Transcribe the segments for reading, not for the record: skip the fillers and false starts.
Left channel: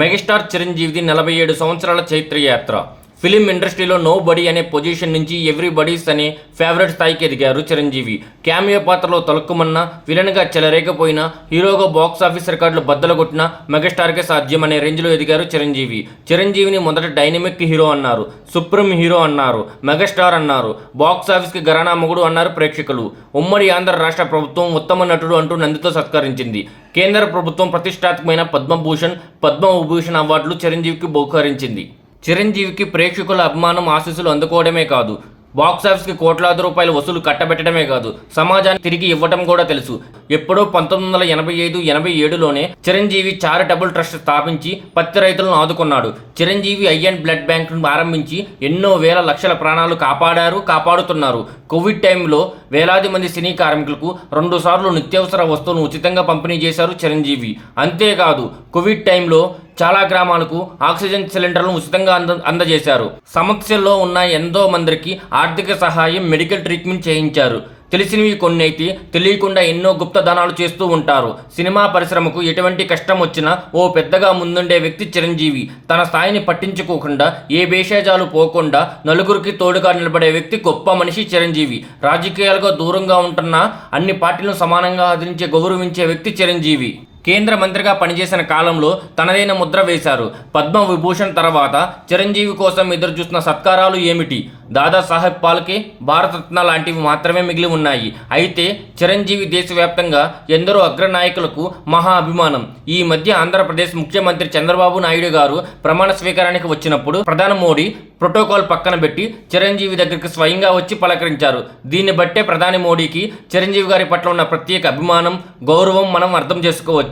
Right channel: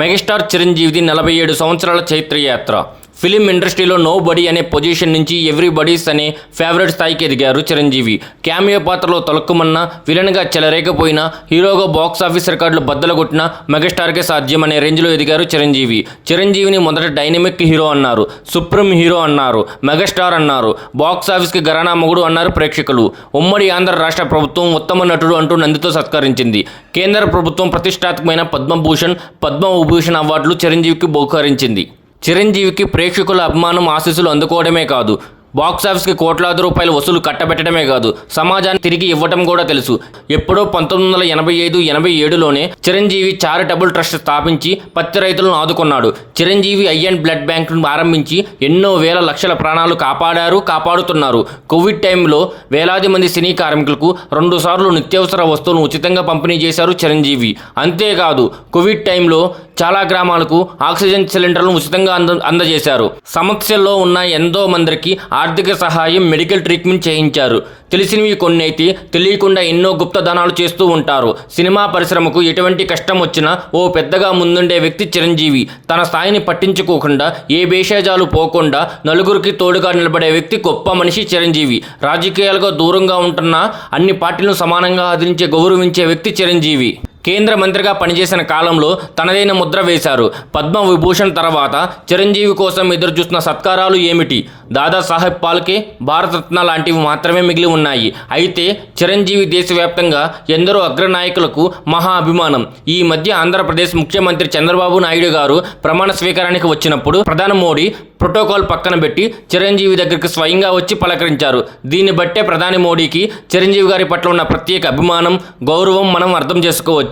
Megastar చిరంజీవిది 47 సంవత్సరాల చైత్రయాత్ర. Film ఇండస్ట్రీలో no body అనే పొజిషన్ నుంచి ఎవ్రీబడీస్ అనే ఫేవరెట్ స్థాయికి ఎదిగారు చిరంజీవి. క్యామియో పాత్రలో తొలక్కుమన్నా, విలన్గా చెలరేకపోయినా, హీరోగా బాక్సాఫీస్ రికార్డులు బద్దలుగొట్టిన మెగాస్టార్కే సాధ్యం అనే రేంజ్లో ఎదిగారు చిరంజీవి. చిరంజీవిని మొదట డైనమిక్ హీరో అన్నారు, సుప్రీం హీరో అన్నారు, మెగాస్టార్ అన్నారు, బాక్సాఫీస్కి ఘరానా మొగుడు అన్నారు ప్రేక్షకులు. ఉమ్మడి ఆంధ్ర రాష్ట్ర ప్రభుత్వం ఉత్తమ నటుడు అంటూ నందితో సత్కరించింది. కేంద్ర ప్రభుత్వం ప్రతిష్టాత్మకమైన పద్మభూషణ్, పద్మవిభూషణ్ అవార్డులు చిరంజీవికి బహూకరించింది. చిరంజీవికి ప్రేక్షకుల అభిమానం, ఆశీస్సులు అందుకోవడమే కాదు, బాక్సాఫీస్కి కోట్లాది రూపాయలు వసూలు కట్టబెట్టడమే కాదు, సమాజానికి తిరిగి ఇవ్వటం కూడా తెలుసు. ఎప్పుడో 1985-87లోనే చిరంజీవి చారిటబుల్ ట్రస్ట్ స్థాపించి పత్తి రైతులను ఆదుకున్నాడు. చిరంజీవి ఐ అండ్ బ్లడ్ బ్యాంక్ను ఆరంభించి ఎన్నో వేల లక్షల ప్రాణాలు కాపాడారు, కాపాడుతున్నారు. కోవిడ్ టైంలో వేలాది మంది సినీ కార్మికులకు 2 సార్లు నిత్యావసర వస్తువులను ఉచితంగా పంపిణీ చేశారు చిరంజీవి. అంతేకాదు, కోవిడ్ టైంలో చాలా గ్రామాలకు ఆక్సిజన్ సిలిండర్లను ఉచితంగా అందజేశారు. సమస్యల్లో ఉన్న ఎంతో మందికి ఆర్థిక సహాయం, మెడికల్ ట్రీట్మెంట్ చేయించారు. తెలిసినవి కొన్ని అయితే తెలియకుండా ఎన్నో గుప్తదానాలు చేస్తూ ఉంటారు. సినిమా పరిశ్రమకు ఎటువంటి కష్టం వచ్చినా ఓ పెద్దగా ముందుండే వ్యక్తి చిరంజీవి. తన స్థాయిని పట్టించుకోకుండా, ఏ భేషజాలు పోకుండా నలుగురికి తోడుగా నిలబడే వ్యక్తి గొప్ప మనిషి చిరంజీవి. రాజకీయాలుగా దూరంగా ఉంటున్న అన్ని పార్టీలను సమానంగా ఆదరించే, గౌరవించే వ్యక్తి చిరంజీవి. కేంద్ర మంత్రిగా పనిచేసిన కాలంలో తనదైన ముద్ర వేశారు. పద్మవిభూషణ్ తర్వాత చిరంజీవి కోసం ఎదురుచూస్తున్న సత్కారాలు ఏమిటి? దాదాసాహెబ్ ఫాల్కే, భారతరత్న లాంటివి మాత్రమే మిగిలి ఉన్నాయి. అయితే చిరంజీవి దేశవ్యాప్తంగా ఎందరో అగ్రనాయకులకు మహా అభిమానం. ఈ మధ్య ఆంధ్రప్రదేశ్ ముఖ్యమంత్రి చంద్రబాబు నాయుడు గారు ప్రమాణ స్వీకారానికి వచ్చినప్పుడు ప్రధాని మోడీ ప్రోటోకాల్ పక్కన పెట్టి చిరంజీవి దగ్గరికి స్వయంగా వచ్చి పలకరించారు. దీన్ని బట్టే ప్రధాని మోడీకి చిరంజీవి గారి పట్ల ఉన్న ప్రత్యేక అభిమానం, గౌరవం మనం అర్థం చేసుకోవచ్చు.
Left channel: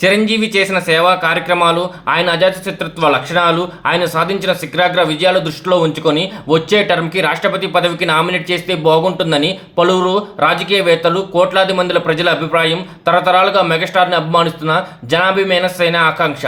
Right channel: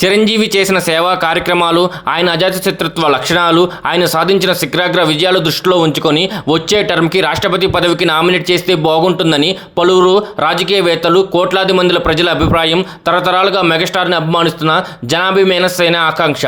చిరంజీవి చేసిన సేవా కార్యక్రమాలు, ఆయన అజాతశత్రుత్వ లక్షణాలు, ఆయన సాధించిన శిఖరాగ్ర విజయాలు దృష్టిలో ఉంచుకొని వచ్చే టర్మ్కి రాష్ట్రపతి పదవికి నామినేట్ చేస్తే బాగుంటుందని పలువురు రాజకీయవేత్తలు, కోట్లాది మందిల ప్రజల అభిప్రాయం. తరతరాలుగా మెగాస్టార్ని అభిమానిస్తున్న జనాభిమేనసైన ఆకాంక్ష.